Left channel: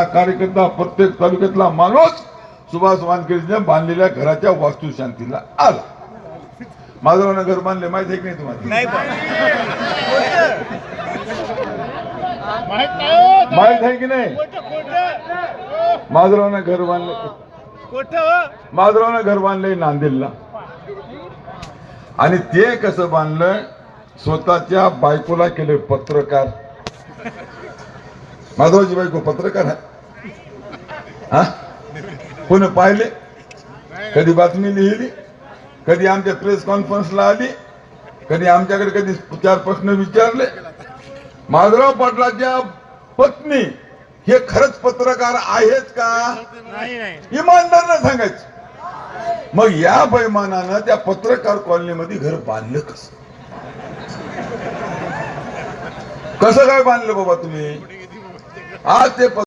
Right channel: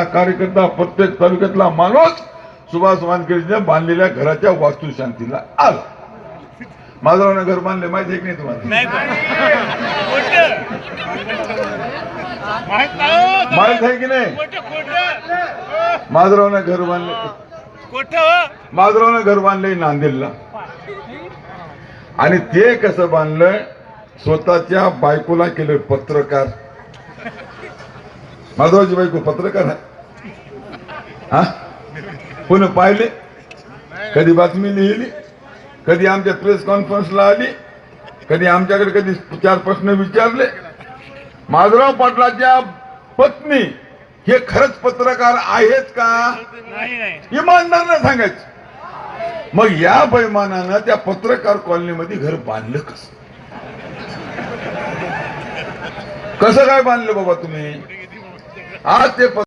कार्यकर्ता प्रत्येक तालुक्यातला माणूस सुभाष वानखेडेने बांधलेल्या घराच्या वास्तुशांतीला आला. माझं घर बांधले माहिती नाही तुम्हाला? माहीत आहे की नाही? माधवरावनं घर बांधले. माधवरावनं घर बांधले नांदेडला. आणि ते कसं बांधलं? स्वतःच्या बायकोला केलं पत्रकार. माधवरावची बायको पत्रकार आहे. हा? कोणी पाहिले? कधी बातमी लिहिली? कधी आमच्या प्रेस कॉन्फरन्सला आली? कधी आमच्याकडे कधी चार प्रश्न विचारले? माधवराव पाटलाच्या पत्नी हे खरंच पत्रकार आहेत का? नाही नाही. इमानदारनं सांगायचं. मग या बैमानानं त्या पत्रकार कॉलनीमध्ये घर बांधलं कसं? कसं काय बांधलं बाबा तुम्ही? आज ते